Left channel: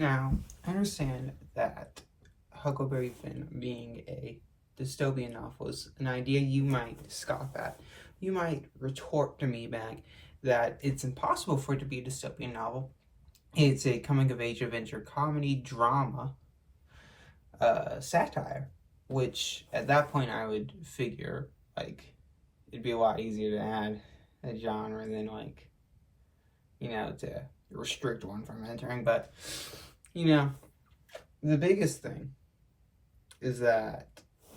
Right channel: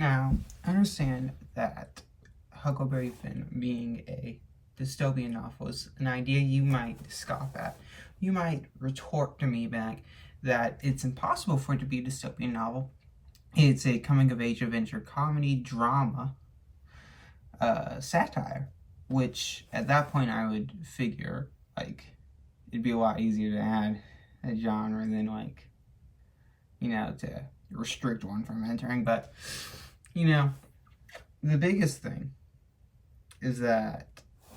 Now, I understand that Huckleberry Finn being a dystopian novel is an idea you might scoff at. You might retort to me back that it's impossible for it to be a dystopian novel. It's a coming-of-age adventure comedy drama satire, which at that point I would figure like it'd be a lot easier to add a genre than to restrict one from entering. But the biggest thing is that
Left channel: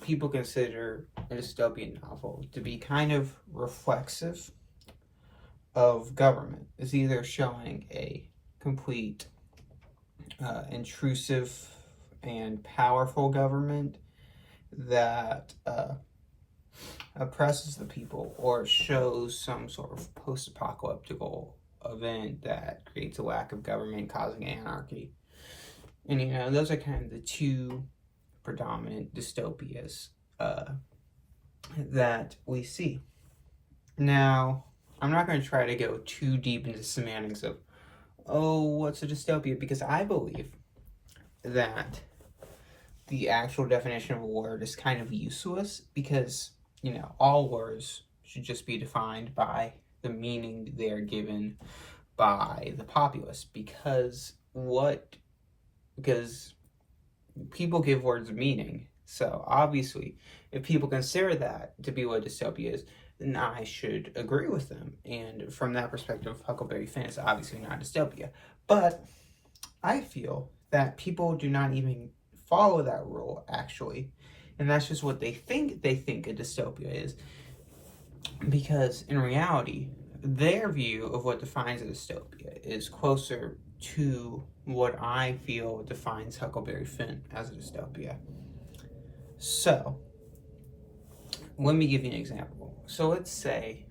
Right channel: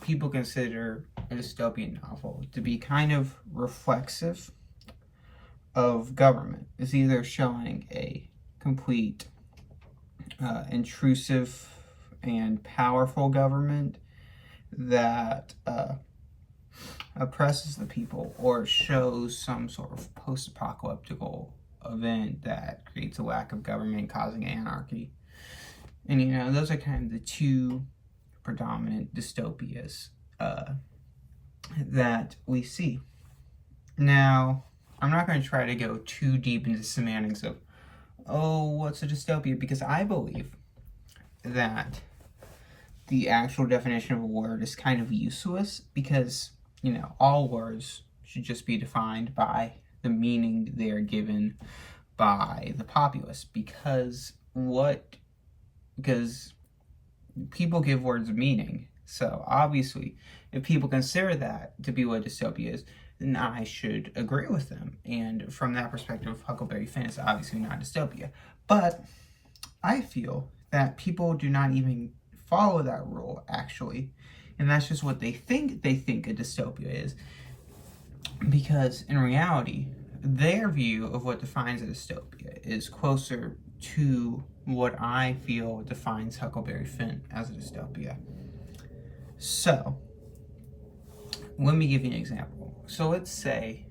people consider a dystopian novel to be kind of reflexive of government. It's either showing a complete intrusive and powerful government that oppresses the people, or shows some sort of post-apocalyptic event that creates a lack of government causing anarchy. And those are kind of the two predominant dystopias that we see. Now, I'm not going to try to go too deep into semantics of, what's a dystopia? Because I believe that the actual definition of a word is kind of useless, because, all words should just be defined by the meaning they are given by the populace. Because people give words meaning. So obviously, if people consider that to be what dystopia is, then I should agree with them. And from that perspective, Huckleberry Finn is obviously not dystopia. But I feel that people do not even follow that rule, actually. And that's just what they think a dystopia is. Because in reality, their view of what defines a dystopia is closer to what I feel defines Huckleberry Finn as a dystopia. So, let me give you an example. So let's say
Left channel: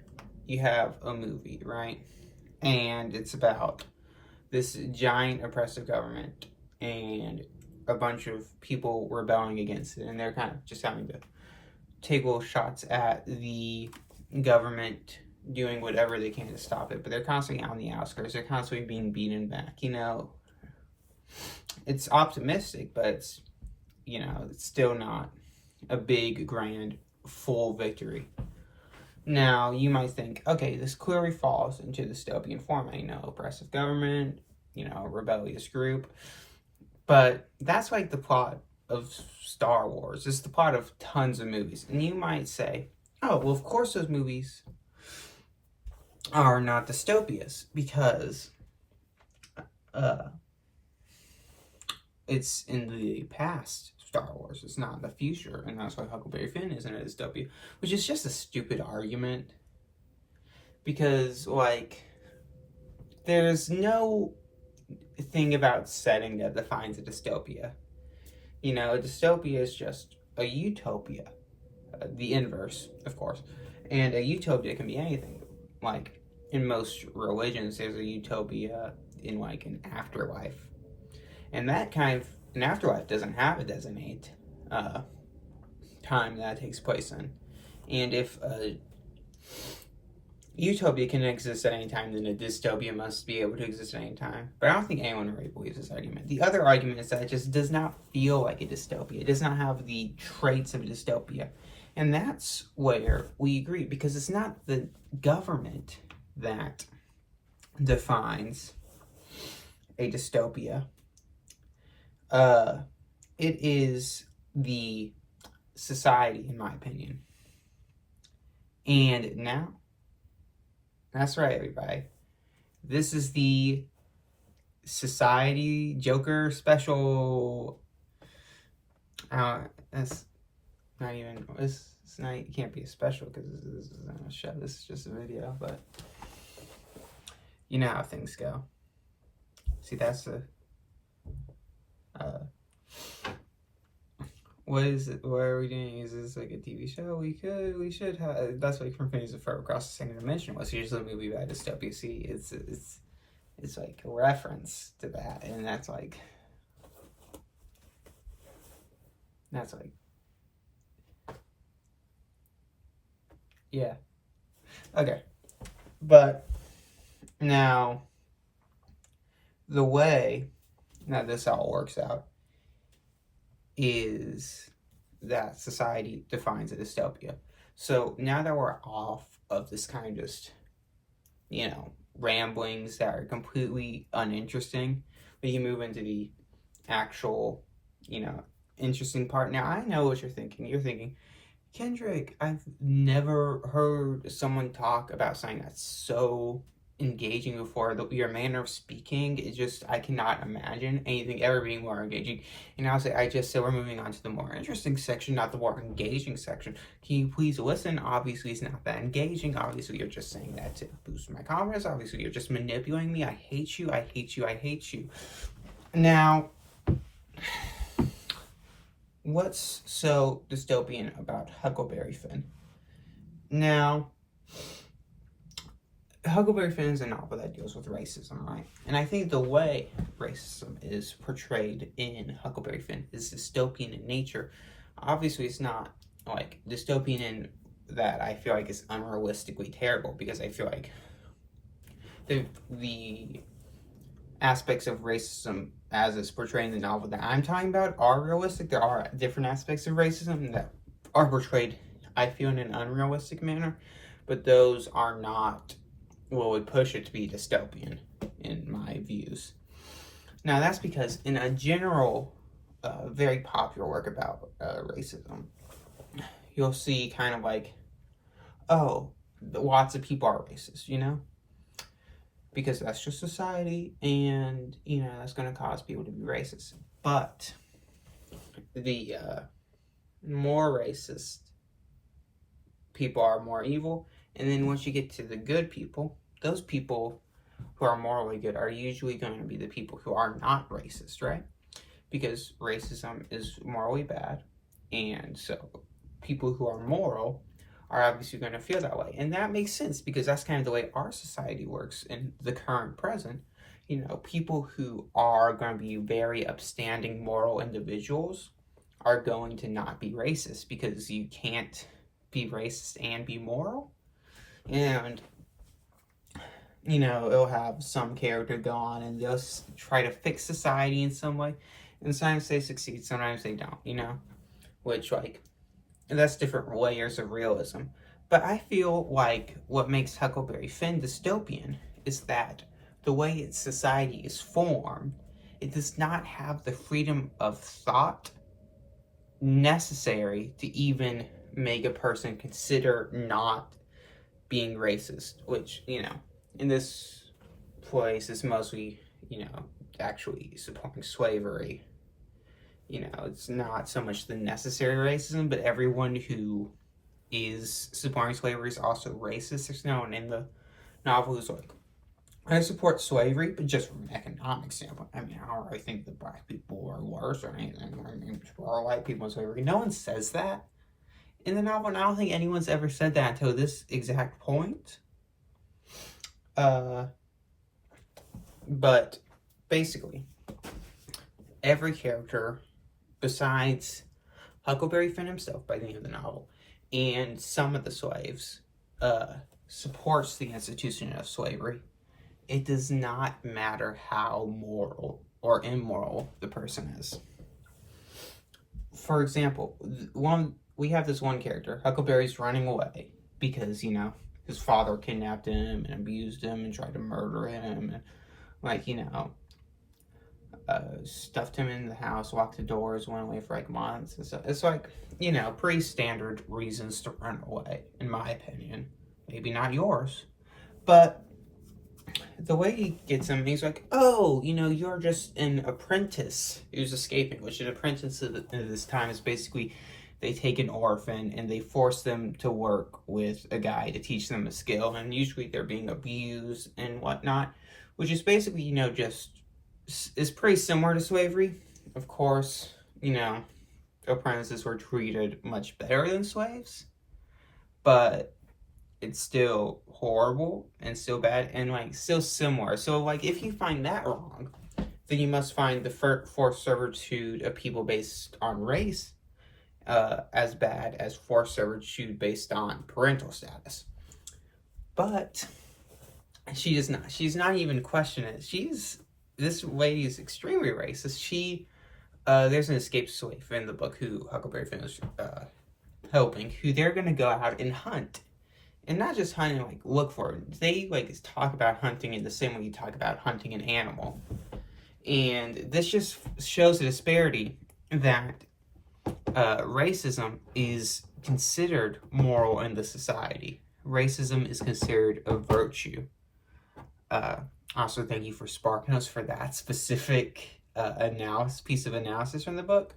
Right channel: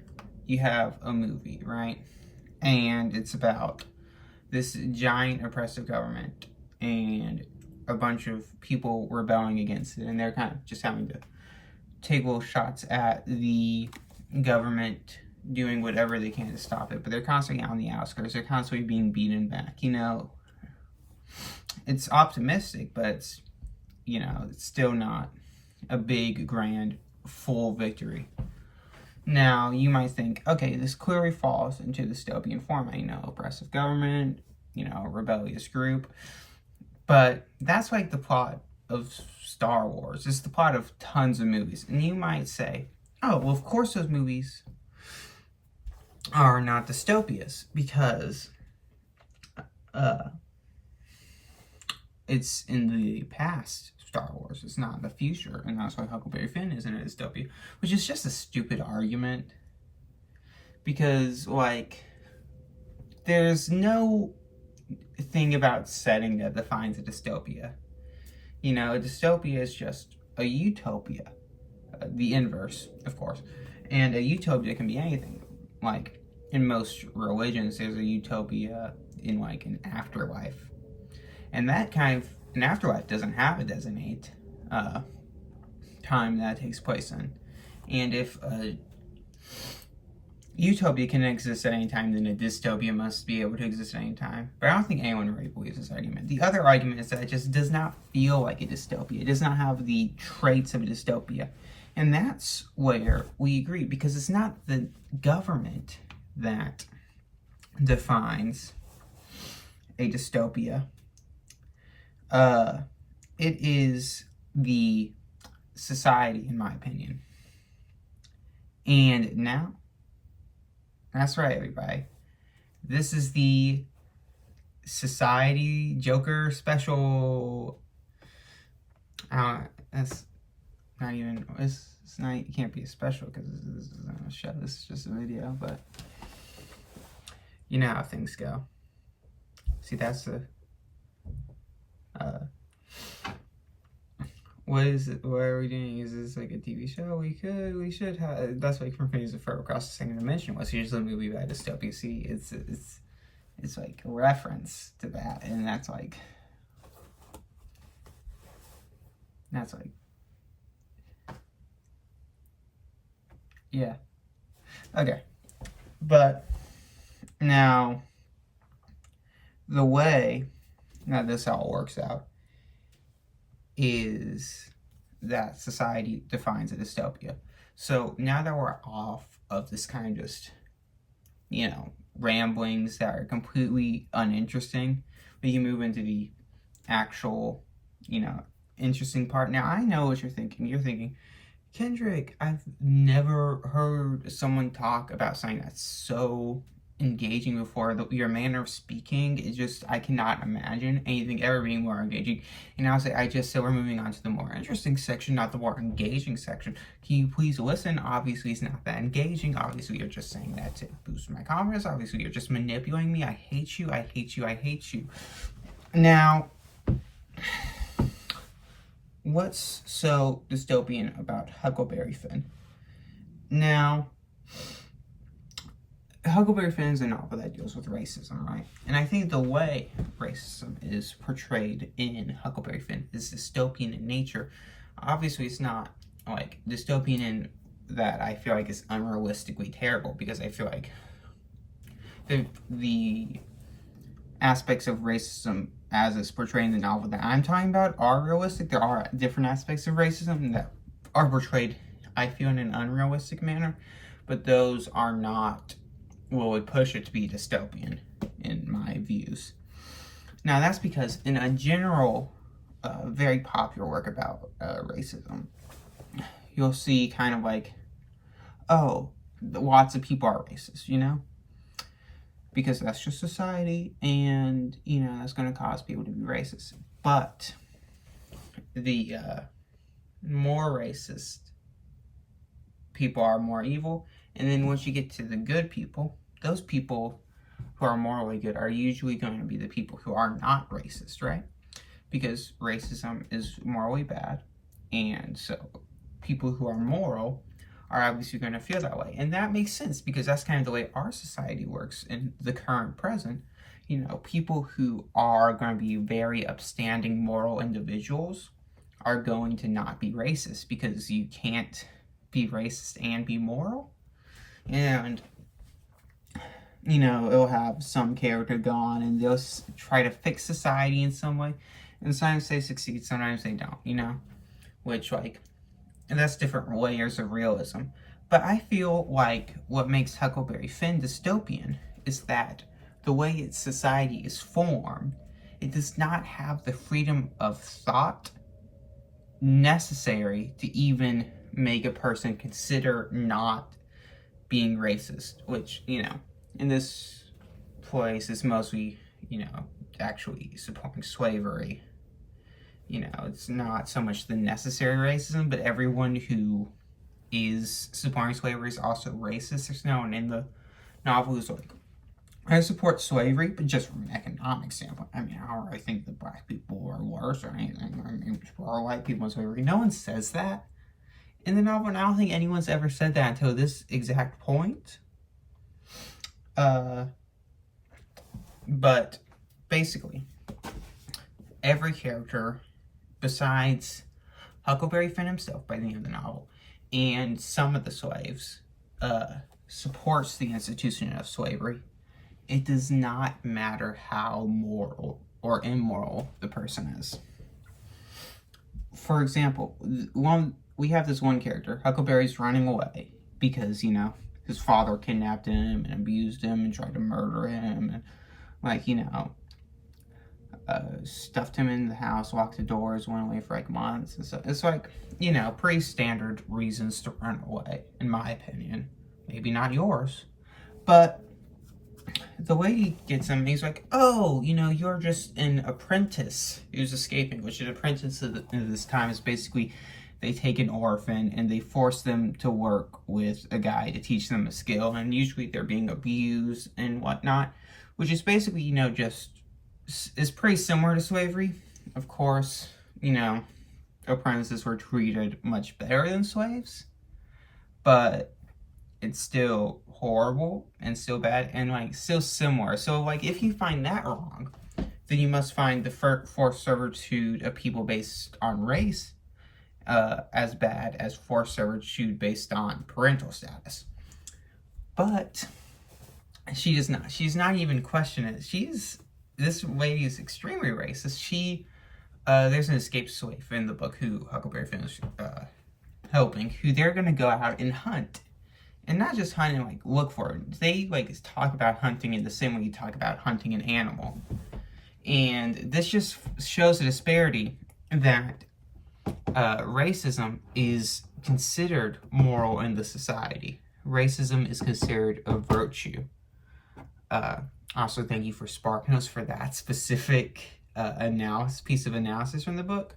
you have a movie, right? And it's about this giant oppressive government and a bunch of people rebelling against it, and they're kind of just having to take little shots at the government doing whatever they can to stop it, but they're constantly out on the outskirts. They're constantly being beaten back. It's optimistic, but it's still not a big, grand, full victory. Now, you might think, okay, this clearly falls into the dystopian format, oppressive government, a rebellious group. But that's like the plot of Star Wars. It's the plot of tons of movies. And you might say, oh, well, of course those movies are not dystopias, because it's in the past, Star Wars. It's not in the future, and that's why Huckleberry Finn isn't a dystopia, which is just a stupid argument, because, there's no thing about setting that defines a dystopia. A dystopia is just a utopia, the inverse, of course, and a utopia can be anything. In most religions, there's a utopia in, an afterlife. And that an afterlife doesn't have a designated time that takes place in. And if a utopia can exist at any time, then a dystopia must be able to exist at any time. But I don't think anyone really believes this argument. The other argument is that it just does not feel like a dystopia. It does not have the traits of a dystopia. And that's where we agree, because it's not the government that defines a dystopia. It is the society, in my opinion. And now, that's right, everybody. This is the Society Joker special. That's not even. It's not. It can't be a special because this isn't a show. This is just a video. But you know how things go. See, that's the. What is it? What are we doing? Is this like a TV show? We should have. That's like from Phineas and Ferb Across the Second Dimension was usually a movie about dystopia. See, it's like a reference to that, and that's like yeah. Okay, but now the way Now, this all works out is that society defines a dystopia. So now that we're off of this kind of just, ramblings that are completely uninteresting, we can move into the actual, interesting part. Now, I know what you're thinking. You're thinking, Kendrick, I've never heard someone talk about something that's so engaging before. Your manner of speaking is just, I cannot imagine anything ever being more engaging. And I just said we're moving on to the more interesting section, not the more engaging section. Can you please listen? Obviously, it's not that engaging. Obviously, you're just saying that to boost my confidence. Obviously, you're just manipulating me. I hate you. I hate you. I hate you. Now, what's so dystopian about Huckleberry Finn? Now, Huckleberry Finn is a novel that deals with racism, right? And I think the way racism is portrayed in Huckleberry Finn is dystopian in nature. Obviously, it's not like dystopian in that I feel like it's unrealistically terrible, because I feel like the aspects of racism as it's portrayed in the novel that I'm talking about are realistic. There are different aspects of racism that are portrayed, I feel, in an unrealistic manner, but those are not what would push it to be dystopian in my views. Now, that's because in a general, very popular work about racism, you'll see kind of like, oh, lots of people are racist, because that's just society, and that's going to cause people to be racist. But the more racist people are more evil, and then once you get to the good people, those people who are morally good are usually going to be the people who are not racist, right? Because racism is morally bad, and so people who are moral are obviously going to feel that way. And that makes sense, because that's kind of the way our society works in the current present. People who are going to be very upstanding moral individuals are going to not be racist, because you can't be racist and be moral. And it'll have some character go on and they'll try to fix society in some way, and sometimes they succeed, sometimes they don't, which, and that's different layers of realism. But I feel like what makes Huckleberry Finn dystopian is that the way its society is formed, it does not have the freedom of thought necessary to even make a person consider not being racist, which, in this place is mostly, actually supporting slavery. It's not so much the necessary racism, but everyone who is supporting slavery is also racist. There's no one in the novel who's like, I support slavery, but just from an economic standpoint. I don't really think that black people are worse or anything. Or white people in slavery. No one says that in the novel, and I don't think anyone's ever said that until this exact point. But basically, every character besides Huckleberry Finn himself by the end of the novel, and some of the slaves, supports the institution of slavery. It does not matter how moral or immoral the person is. For example, we have this one character, Huckleberry's running away because, his father kidnapped him and abused him and tried to murder him, and, stuffed him in the house, locked the doors, went away for months. And so it's pretty standard reasons to run away, in my opinion. Maybe not yours. But the way he gets him, he's like, oh, you're just an apprentice who's escaping, which an apprentice at this time is basically, they take an orphan and they force them to work with a guy to teach them a skill, and usually they're being abused and whatnot, which is basically, just is pretty similar to slavery. Of course, apprentices were treated much better than slaves, but it's still horrible and still bad and still similar. So if you find that wrong, then you must find the forced servitude of people based on race as bad as forced servitude based on parental status. But she does not. She's not even questioning it. She's this lady is extremely racist. There's an escaped slave in the book who Huckleberry Finn is helping, who they're gonna go out and hunt. And not just hunt and, like, look for it. They, like, talk about hunting in the same way you talk about hunting an animal. And this just shows the disparity that racism is considered moral in the society. Racism is considered a virtue. Also, thank you for sparking us for that specific piece of analysis from the book.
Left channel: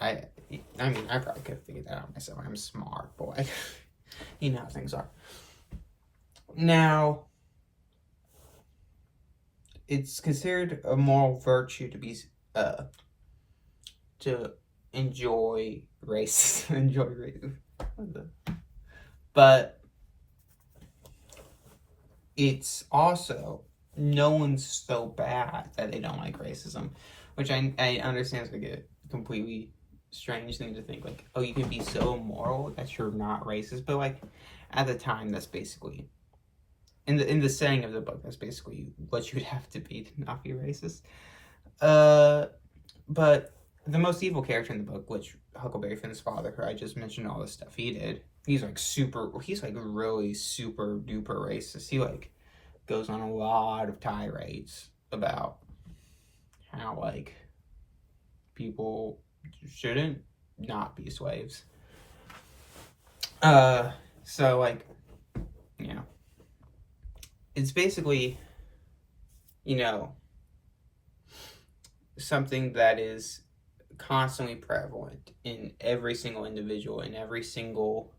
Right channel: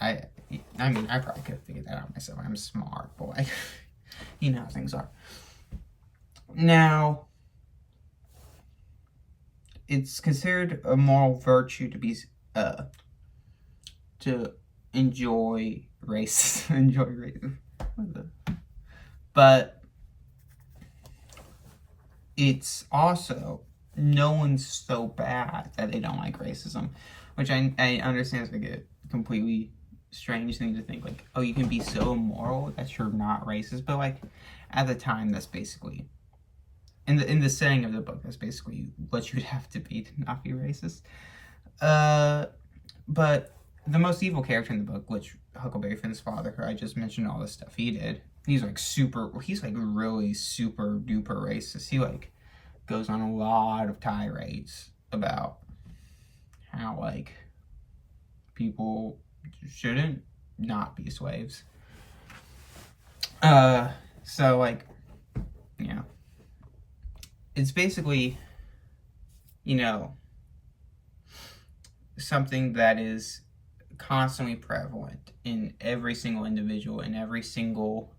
I mean, I probably could have figured that out myself. I'm a smart boy. You know how things are. Now, it's considered a moral virtue to be to enjoy race, but it's also no one's so bad that they don't like racism, which I understand is like a completely strange thing to think, like, oh, you can be so immoral that you're not racist, but like at the time, that's basically in the setting of the book, that's basically what you would have to be to not be racist. But the most evil character in the book, which Huckleberry Finn's father, who I just mentioned all this stuff he did, he's like really super duper racist. He like goes on a lot of tirades about how like people shouldn't not be slaves. So like, yeah, it's basically, you know, something that is constantly prevalent in every single individual, in every single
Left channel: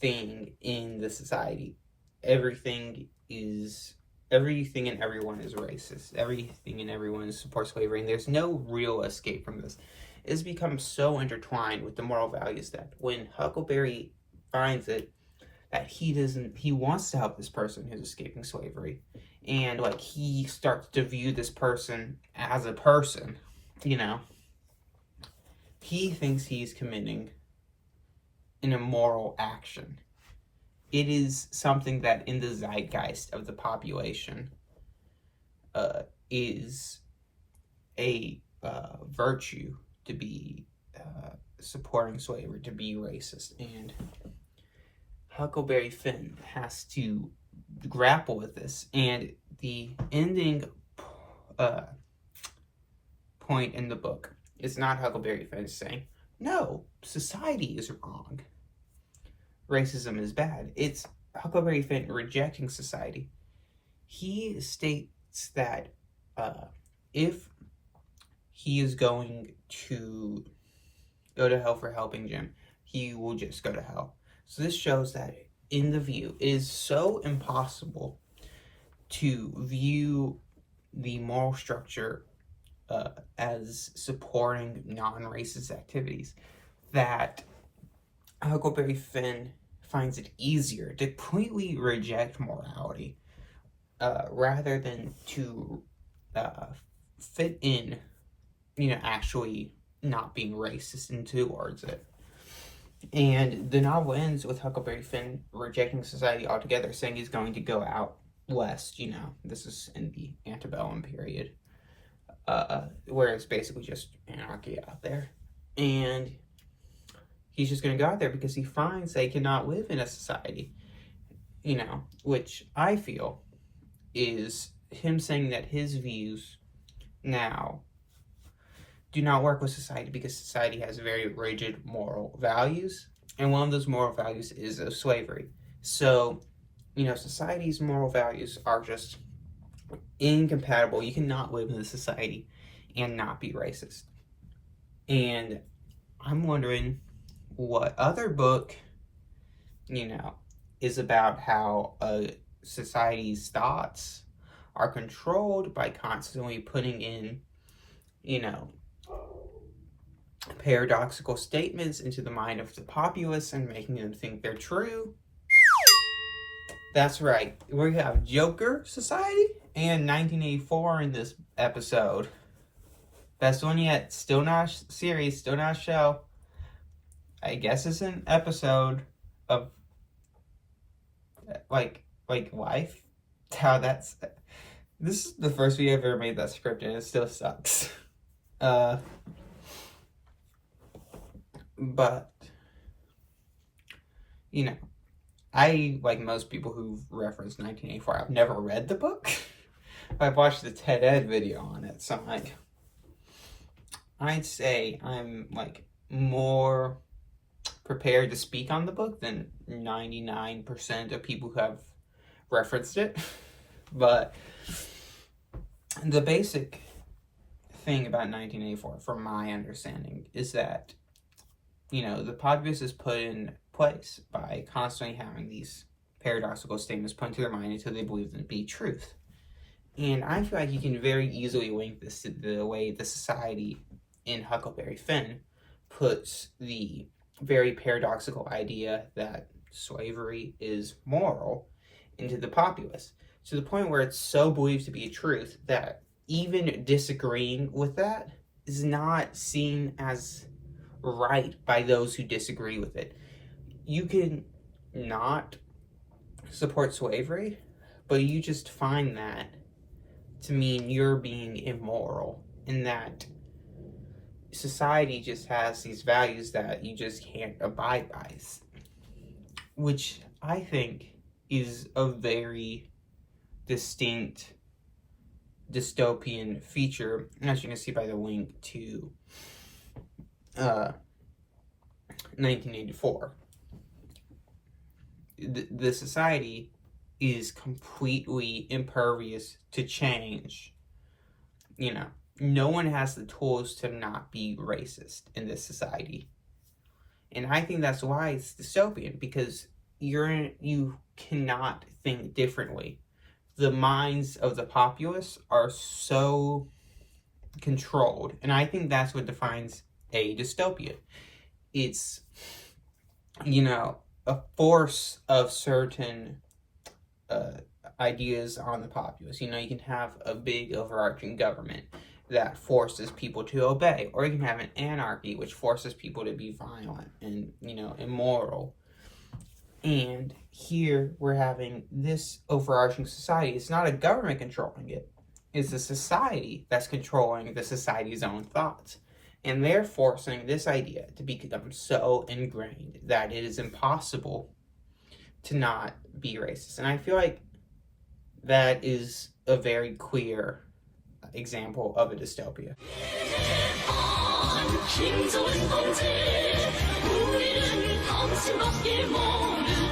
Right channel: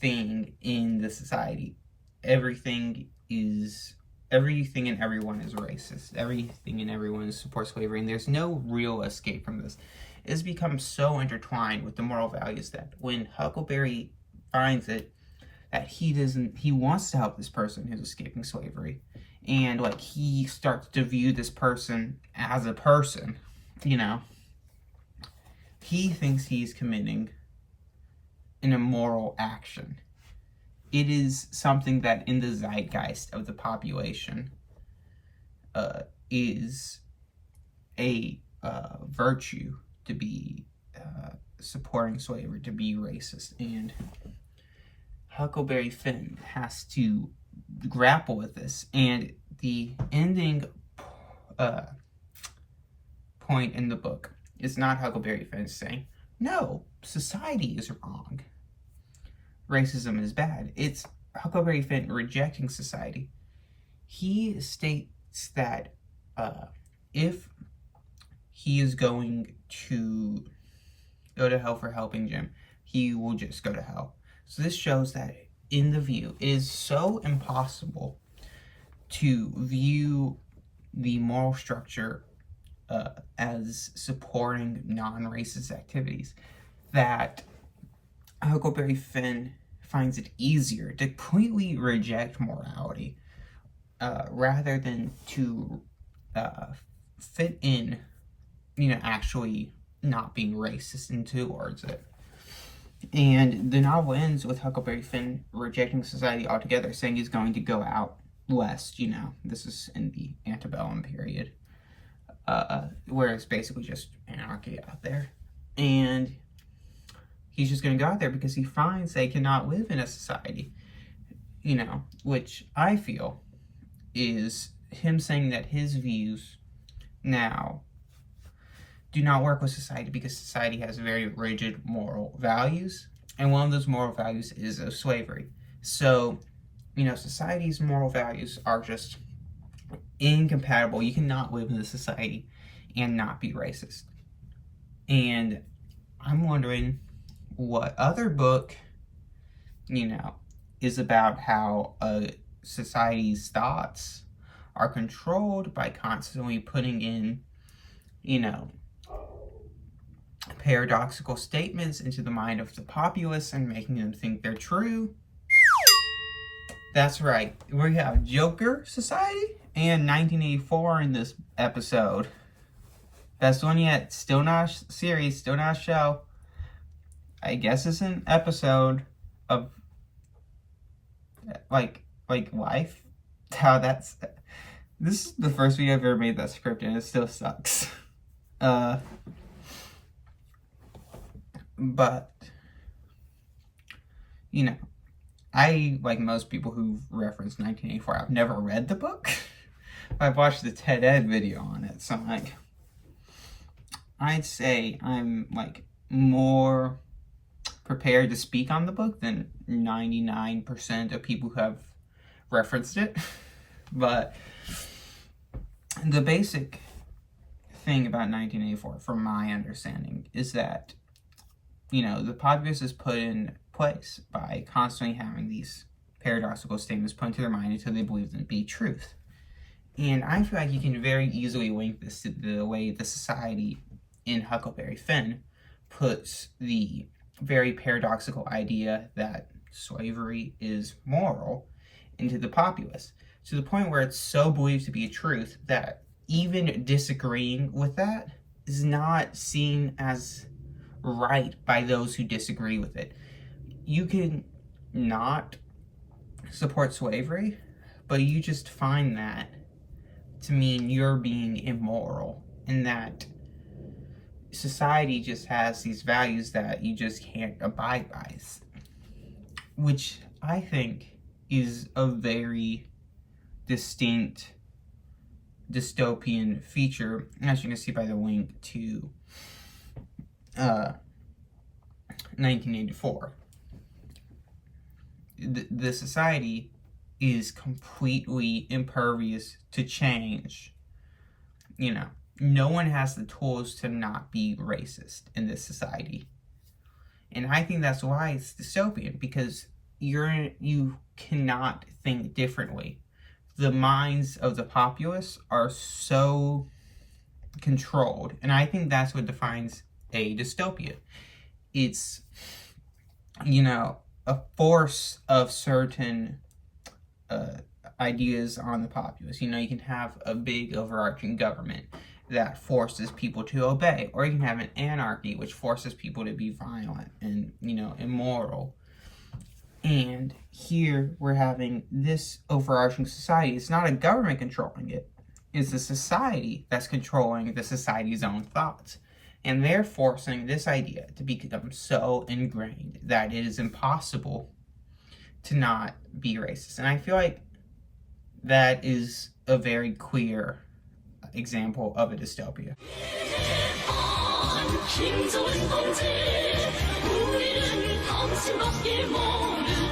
thing in the society. Everything and everyone is racist. Everything and everyone supports slavery, and there's no real escape from this. It's become so intertwined with the moral values that when Huckleberry finds it, that he wants to help this person who's escaping slavery, and like he starts to view this person as a person, you know. He thinks he's committing an immoral action. It is something that in the zeitgeist of the population is a virtue to be supporting slavery, to be racist. And Huckleberry Finn has to grapple with this. And the ending point in the book is not Huckleberry Finn saying, no, society is wrong, racism is bad. It's Huckleberry Finn rejecting society. He states that if he is going to go to hell for helping Jim, he will just go to hell. So this shows that in the view, it is so impossible to view the moral structure as supporting non-racist activities, that Huckleberry Finn finds it easier to completely reject morality rather than to fit in, you know, actually not being racist and towards it. And the novel ends with Huckleberry Finn rejecting society altogether, saying he's going to go out west, you know. This is in the antebellum period, where it's basically just anarchy out there. And he's just going to go out there because he finds they cannot live in a society, you know, which I feel is him saying that his views now do not work with society because society has very rigid moral values, and one of those moral values is of slavery. So, you know, society's moral values are just incompatible. You cannot live in a society and not be racist. And I'm wondering what other book, you know, is about how a society's thoughts are controlled by constantly putting in, you know, paradoxical statements into the mind of the populace and making them think they're true. That's right. We have Joker Society and 1984 in this episode. Best one yet. Still not a series, still not a show. I guess it's an episode of like life. How that's This is the first video I've ever made that script, and it still sucks. But, you know, I, like most people who've referenced 1984, I've never read the book. I've watched the TED Ed video on it, so, like, I'd say I'm, like, more prepared to speak on the book than 99% of people who have referenced it. But the basic thing about 1984, from my understanding, is that, you know, the populace is put in place by constantly having these paradoxical statements put into their mind until they believe them to be truth. And I feel like you can very easily link this to the way the society in Huckleberry Finn puts the very paradoxical idea that slavery is moral into the populace, to the point where it's so believed to be a truth that even disagreeing with that is not seen as right by those who disagree with it. You can not support slavery, but you just find that to mean you're being immoral, and that society just has these values that you just can't abide by, which I think is a very distinct dystopian feature, as you can see by the link to 1984. The society is completely impervious to change. You know, no one has the tools to not be racist in this society. And I think that's why it's dystopian, because you cannot think differently. The minds of the populace are so controlled, and I think that's what defines a dystopia. It's, you know, a force of certain ideas on the populace. You know, you can have a big overarching government that forces people to obey, or you can have an anarchy which forces people to be violent and, you know, immoral. And here we're having this overarching society. It's not a government controlling it. It's a society that's controlling the society's own thoughts. And they're forcing this idea to become so ingrained that it is impossible to not be racist. And I feel like that is a very clear example of a dystopia. 김소은 동지 우리는 당신밖에 모르